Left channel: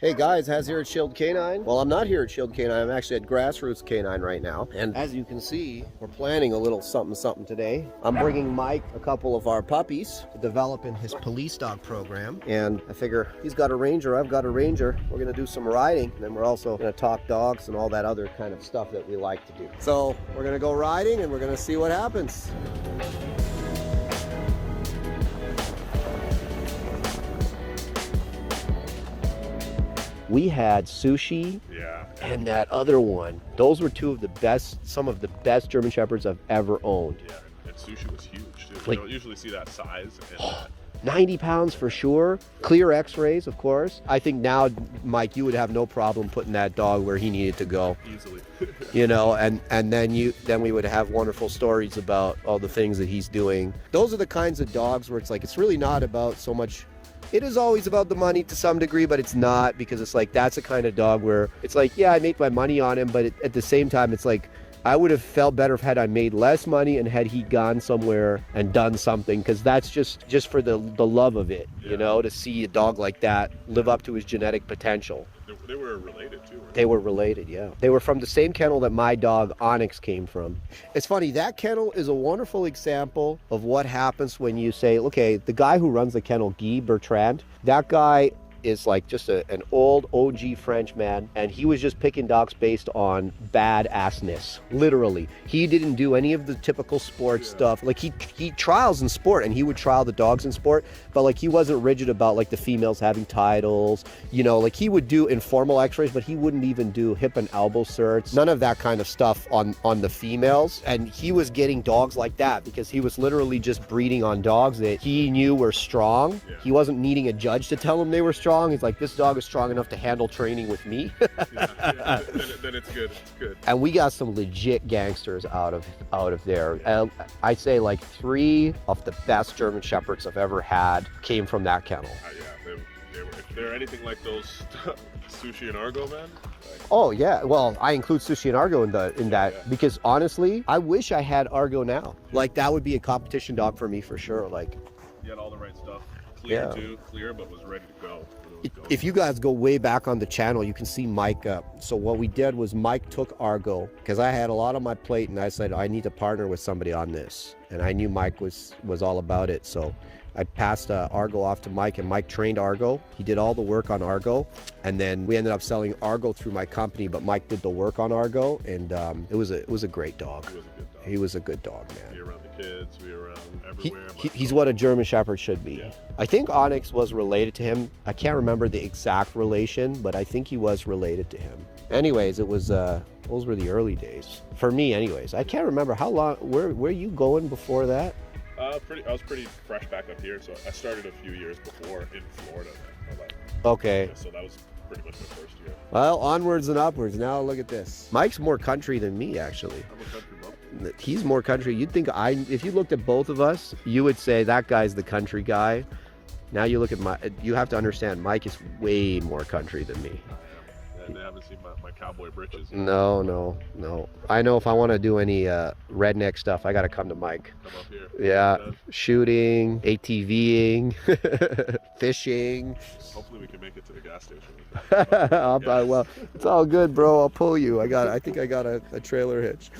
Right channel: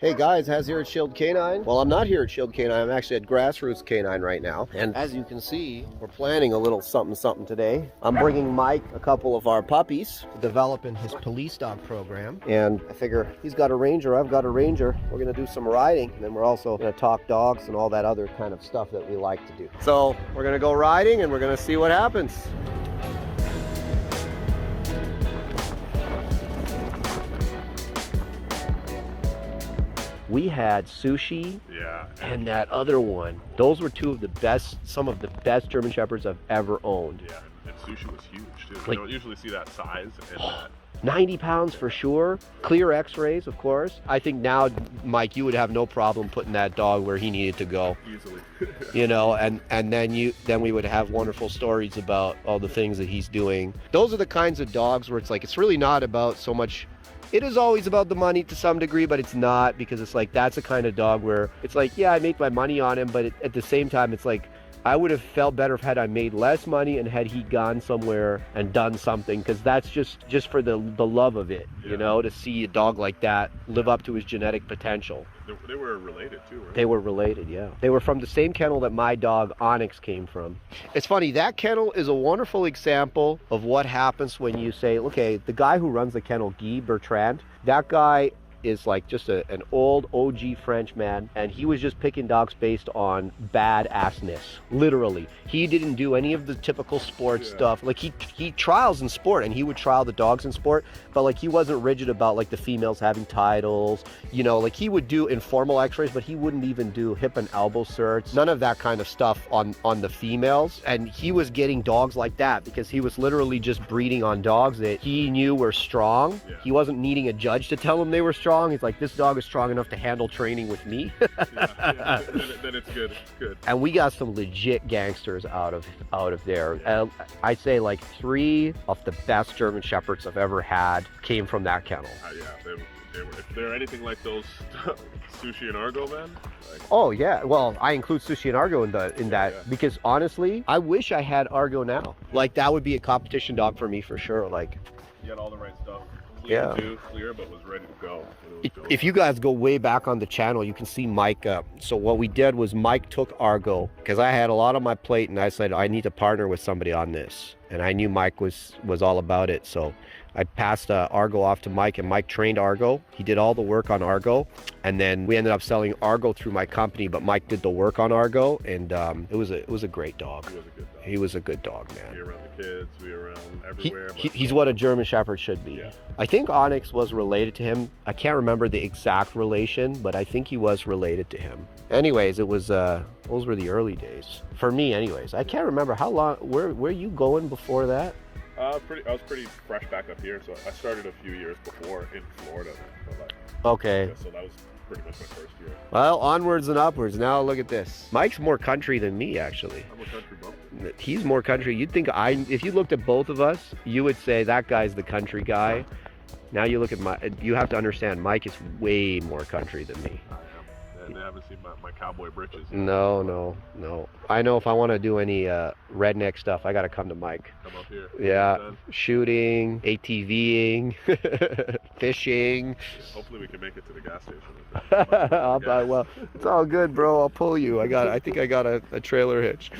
Hey guys, Haz here at Shield Canine. Well, I'm not here at Shield Canine, I'm actually at Grassroots Canine right now. And as you can see, we're planning a little something today. I'm bringing Mike a couple of our puppies to develop in his police dog program. And I figure he's got a ranger, I've got a ranger. We're gonna do some riding, and then we're also gonna talk dogs and all that other kind of stuff that we like to do. So we're gonna go riding and we're gonna see what happens. We had Sushi, and that other one. Those were two of the best, some of the best German Shepherds I've ever owned. Yeah, and Sushi was huge too. Like, you don't usually see that size in that. 90 pounds for sure. Clear x-rays, of course. I think now, Mike, you would have no problem putting that dog where he needed to go. Easily. You know, and then we would have wonderful stories about all the things that he's doing. Those are the kinds of dogs where it's like, it's really not about so much. It is always about the money to some degree, but it's not, because it's like, that's a kind of dog where it's like, yeah, I make my money on him, but at the same time, it's like, I would have felt better if had I made less money and had he gone somewhere and done something, because that's just for the love of it, you know, to see a dog like that live up to his genetic potential. They were related too, right? They were related, yeah. They were from the same kennel that my dog Onyx came from. It's funny, that kennel is a wonderful example of what happens when you say, okay, the guy who runs the kennel, Guy Bertrand, that guy is like just an old OG French man, and he was just picking dogs based on badassness, literally. He didn't do any of the typical sports stuff. Like he trials in sport, and he would trial the dogs in sport, but like he wasn't rigid about like the females having titles, you know, like he would do informal x-rays, but he wouldn't even do hip and elbow certs, none of that kind of stuff on the females. And he was getting dogs like that because he was literally just breeding on dogs that he knew were strong. He wasn't needing a judge to tell him they were strong. He's like, this dog is strong enough to handle training with me. Then it's good. And we got some legit gangsters out of there. I'd say like 3 of the best German Shepherds I've ever had came from that kennel. If they're anything like those Sushi and Argo, man. Oh yeah, well, I include Sushi and Argo in that because honestly, I wish I had Argo now. Like that would be a competition dog for me for sure. Like, he had all the right stuff. Clear, but was ready to go. If you guys go way back on the channel, you can see Mike up. So what we did was Mike took Argo, because I had a lot on my plate, and I said, I need to partner with somebody on this. And I knew Mike was all about it. So I passed Argo off to Mike, and Mike trained Argo. He did all the work on Argo, and then we ended up selling Argo through my company, but Mike did the work on Argo, and it was a great dog. He was a good dog, man. Be around the kids, be around everywhere. He's what a German Shepherd should be. Yeah. I think Onyx was related to him. I can't remember the exact relation, but I think he was related to him. Anyways, it was those were the early days for me. Anyways, I can't remember how long. Where you going before that? I was pretty fresh back up here, so I started a few years before in Florida. Okay. Yeah, so that was pretty much my first year. Well, onwards and upwards. Now look at this. Mike's more country than me, actually. I'm a country bumpkin. He's more country. You'd think if you looked at both of us, you would say that guy's the country guy. Now you look at you have to understand, Mike is way more country than me. And they haven't seen my cowboy britches. No. I know if I want to do any redneck stuff, I got to come to Mike. Come up here. Yeah, shooting, ATVing, fishing. Hopefully we can make it to the gas station. Well, it's all good, bro. I'll pull you. I think I got a trailer hitch.